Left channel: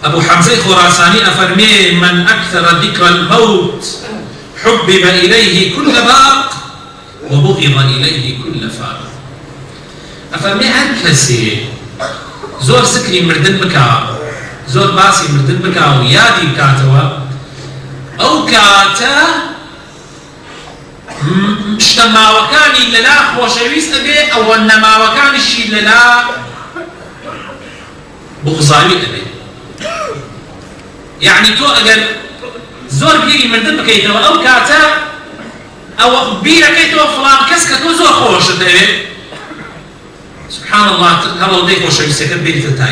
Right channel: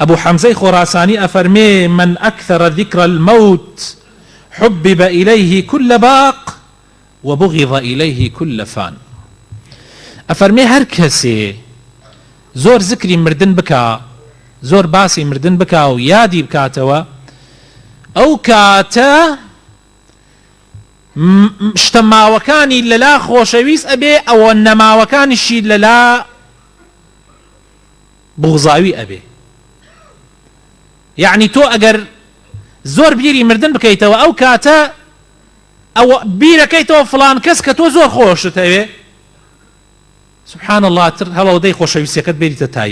أبو حمزة خراساني أفرمي من أكثر ذكر الموت حبب إليه كل باق وبغض إليه كل فاق. أفرمي هر كسي زور ذكري مردن بكا زور باسي مردن بكا ويادي بكاتوا أو كاتا شتماوكاني للا خوشويس أبي أو النماوكاني شي للا بغضاوي أبي. يعني تو أجر زور بيري مردن بكيتوا أو كاتا أو بيري كيتوا فلان كس كتو زور خوشته سبحان الله هذا وضيق خوشويس يكتب بيت تاي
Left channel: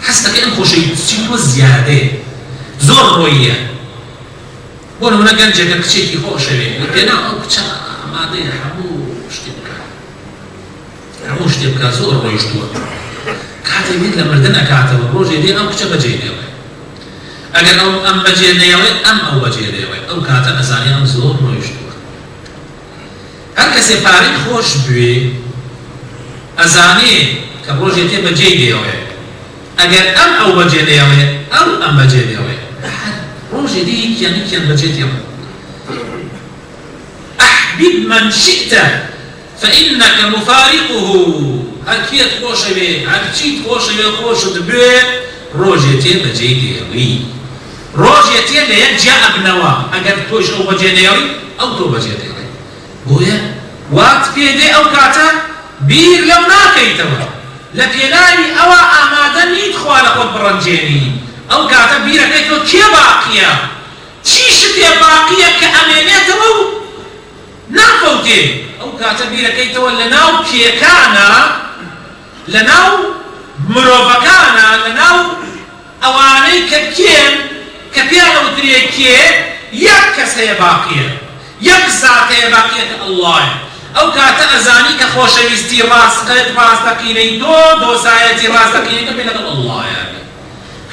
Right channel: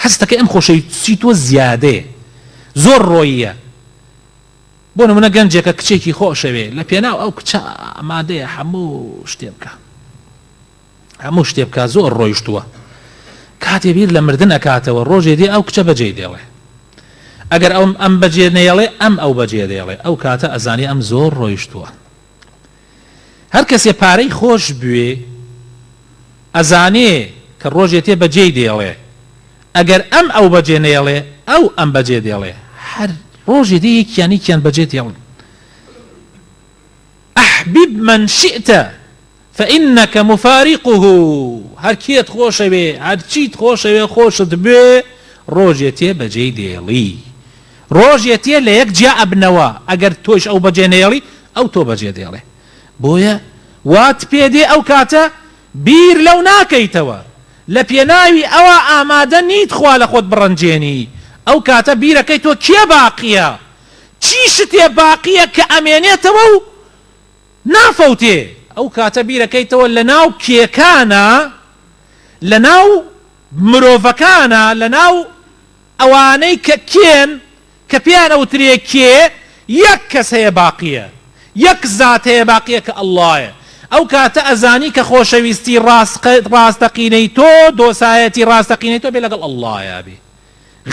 حسك إن خوشويسيتو زيادة زور روية بون هنا جنجك كشيكي خوشوي لكن أو كشا ما ده حموش تبقى زور رويش وقت كاتي بيد لمردن كاتوا روجي دي أو كشا بجي دي اگر ام بجێ نێڵێ ئەم ئەو بەجێ لێڵێ ئەو کاتە ئەزانی ئەم زۆر ڕۆیش بووە. هەر کەسێ پارەی خۆش بوێ ئەزانێ کە ڕۆژێ تێ بەجێ دێڵێ ئەگەر ئەم ئەو بەجێ نێڵێ ئەو ئەم بەجێ دێڵێ هەر ڕۆژێ دی کیان بەجێ دێڵێ. ئەحبیب من شئت فإنك مفارقه هەر کێت خۆشەوێ هەر چیت خۆشەوێ خۆشت بێ ڕۆژێ تێ بەجێ دێڵی ڕۆژێ تێ لە یەک جا ئەبنەوە ئەگەر تۆش ئەو بەجێ نێڵی ئەو تۆ بەجێ دێڵی بۆیە وات پێ دێ ئەو کاتە بیر لەو ناکەیتەوە لە پێناوی ئەوە ئامادە نیت خوا لە خۆت بڕەنجێنی ئەو کاتە بیرەکەی تۆ کێ باقیە چی شتێ باقیە کە ئەمێنێتەوە و ناکەوتێ ئەو کاتە بیرەکەیتەوە لە ناو کێکانە لە ناو مرۆڤەکانە لە ناو ئەوانەی کە کێن کە پێیان ئەوترێ کێ یەک کەسەیە باقیە یەک زاتەیە باقیە کە ئەڵڵایە. ئەو کاتە ئەزانی کە خۆشەویستی ڕاستەقینەی تۆ دۆسایەتی ڕاستەقینەی تۆ بێ لەگەڵ ئەڵڵایە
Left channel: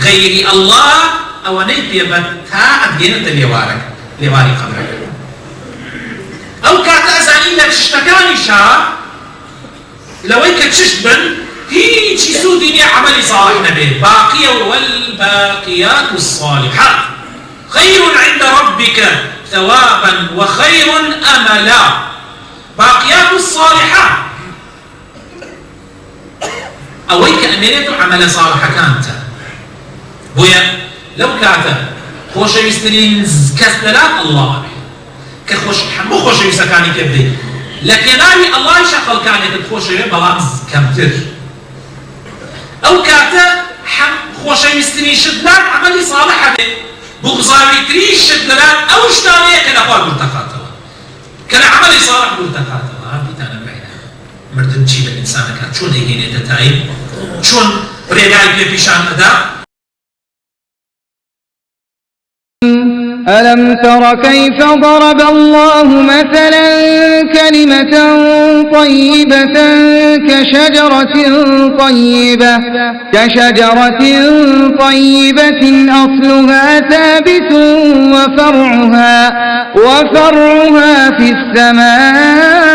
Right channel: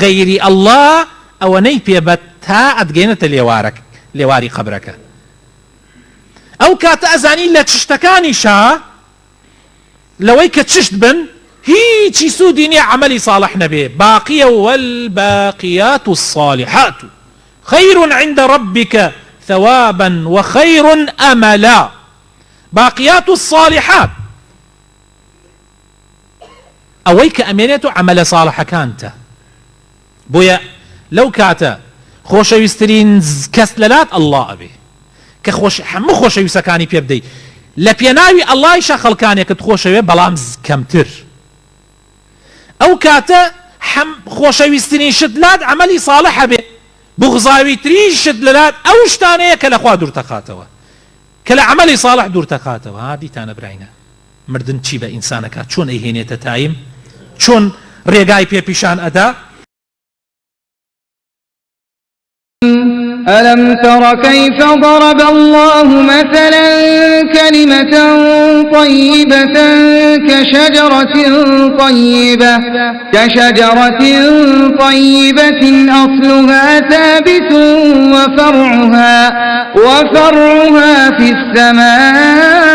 غەیری ئەڵڵا ئەوەنەی پێبەت تا ئەبگەێنێتە لێواری قەبرەکە. ئەو کاتە ئەزانی لە چشتەکانیشا لەوەی کە چشت بن هیچی سودی نییە عملی صالح نەبێت باقیە والباقيات الصالحات خير عند ربك ثوابا وخير أملا. باقيات الصالحات أويك أمينة عمل صالح كانت بويا لو كاتا خوش يسترين كسلات الله كخوش حمو خوش يسكاني كدي لكن الله يشغل كان يتخوش بلام كمتر ئەو کاتە خۆشەویستترین شتلان عملی صالحە بێ بغزاویترین شتلان ئەو شتانەیە کە لەخوا دوورتەخاتەوە کە لە عملی صالح دوورتەخاتەوە. بیتانە برایە مردن چی لە ئینسانەکە چۆن لێهێنێتە تایم چۆن ڕێگای پێ پیشان ئەدا. ألم تر كيف ضرب الله مثلا كلمة طيبة كشجرة طيبة أصلها ثابت وفرعها في السماء